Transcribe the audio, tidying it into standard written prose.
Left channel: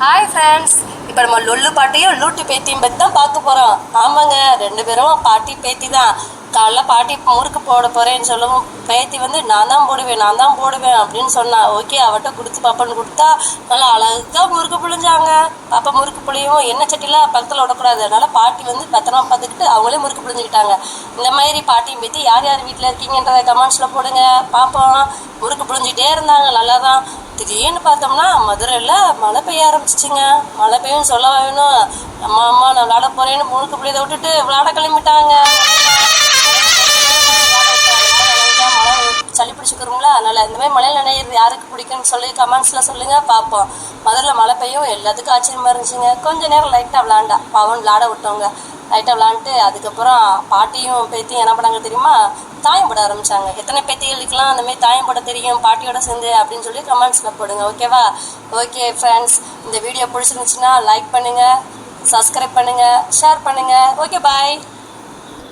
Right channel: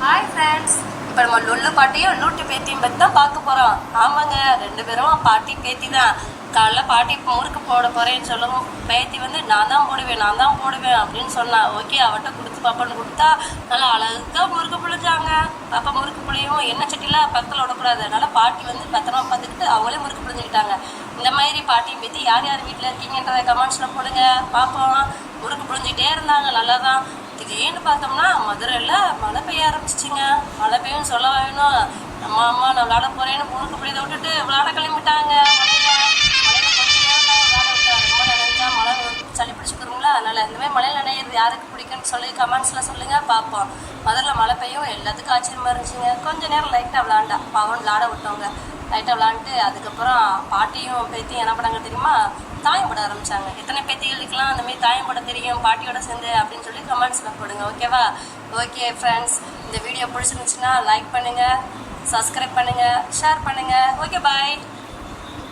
Hi friends, இப்போ நம்ம லொல்லு பாட்டியும் லூட்டு பேத்தியும் பற்றி தான் பார்க்க போகிறோம். ஆமாங்க, 2 பேரும் பாட்டி பேத்தி தான். காலைல பாட்டி முறுக்கு போட போகிறேன்னு சொல்லவும் பேத்தி வந்து நான் தான் போடுவேன் அப்படின்னு சொன்னா. ஓகே, அவட்ட கொடுத்து பாப்பான்னு கொடுத்தா நல்லா அழகாக முறுக்கு புழிஞ்சாங்க. பாப்பா முறுக்கு புளியும் எண்ணெய் சட்டிலாம் பக்கத்தில் விடக்கூடாது, அதனால பாட்டி வந்து பத்திரமா பார்த்துக்கிட்டு அவங்களே முறுக்கு புழிஞ்சுக்கிட்டாங்க. இந்த மாதிரி பாட்டியும் பேத்தி யார் யார் வீட்டில் இருக்கீங்கன்றத கமெண்ட்ஸில் போடுங்க பார்ப்போம். முறுக்கு புழிஞ்சிக்கிட்டே இருந்தாங்க, நல்லா தான். திடீர்னு பார்த்தோம்னா மதுரையில் மழை பெய்ய ஆரம்பிச்சிச்சிங்க. மழை பெய்யும் சொல்ல வேணும். அம்மா நான் விளாட போகிறேன்னு முழுக்க பிள்ளையை விட்டுட்டு விளாட கிளம்பிட்டாங்க. மழை சளி பிடிச்சிக்கிறோங்களா, அதனால் இந்த மாதிரி மழையில் நினைக்கிறது யாருக்கு பிடிக்குன்னு சொல்லி கமெண்ட்ஸில் சொல்லுங்கள் பார்ப்போம். மதுரையில் மழை பெய்யும் எல்லாத்துக்கும் ஆச்சரியமாக இருந்துச்சுங்க. கொஞ்சம் நேரம் லைட்டாக விளாண்டா பாவம் விளாட விட்டவங்க. லைட்டாக விளாண்டுட்டு அதுக்கப்புறம் பாட்டியும் பேத்தியும் என்ன பண்ணாங்க தெரியுமா, தாயம் போட ஆரம்பித்தாங்க. எத்தனை பேத்திகளுக்கெல்லாம் அந்தமாதிரி தாயம் போட தெரியும் பாட்டியோட சேர்ந்து அப்படின்னு சொல்லி கமெண்ட்ஸில் போடுங்க, ஓகேவா? ஓகே ஃப்ரெண்ட்ஸ், இந்த வீடியோ பிடிச்சிருந்துச்சுன்னா லைக் பண்ணுங்கள், சப்ஸ்கிரைப் பண்ணுங்கள், ஷேர் பண்ணுங்கள். ஓகே, பாய்.